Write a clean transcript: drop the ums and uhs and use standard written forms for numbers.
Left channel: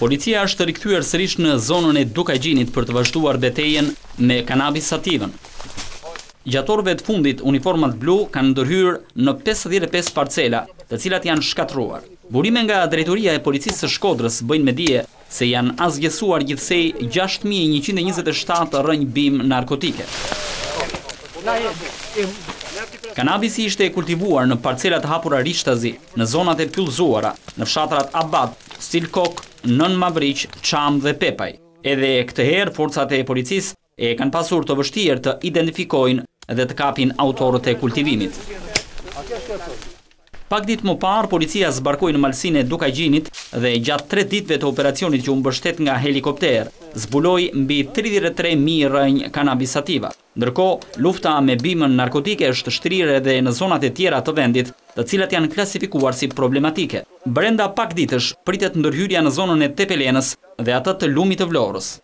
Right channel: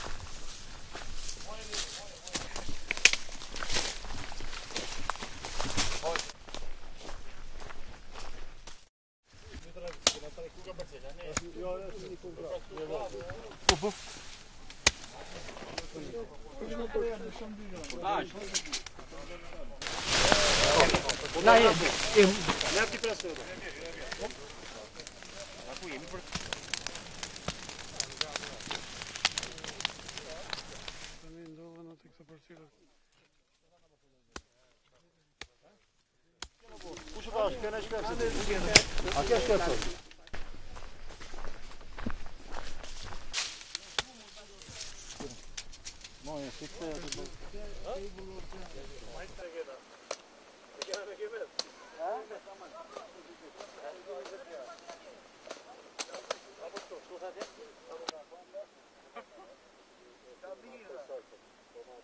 Policia është rikthyer sërish në zonën e Dukajgjinit për të vazhduar betejën me kanabis sativën. Gjatorëve të fundit, uniformat blu kanë ndërhyrë në 55 parcela, të cilat janë shkatruar. Burime nga Drejtoria e Policisë së Shkodrës bëjnë me dije se janë azgjesuar gjithsej 6127 rrënjë bim narkotike. Kanabisi ishte kultivuar në parcelat hapura Rishtazi, në zonat e pyllëzuara, në fshatrat Abad, Stilkok, Nën Mavriq, Çam dhe Pepaj. Edhe këtë herë, forcat e policisë e kanë pasur të vështirë të identifikojnë dhe të kapin autorët e kultivimit. Pak ditë më parë, policia zbarkoi në malsinë e Dukajgjinit dhe gjatë 3 ditëve të operacionit që u mbështet nga helikopter, zbuloi mbi 33.000 rrënjë kanabis sativa. Ndërkohë, lufta me bimën narkotike është shtrirë edhe në zonat e tjera të vendit, të cilat janë klasifikuar si problematike. Brenda pak ditësh pritet ndërhyrja në zonën e Tepelenës dhe atë të Lumit të Vlorës.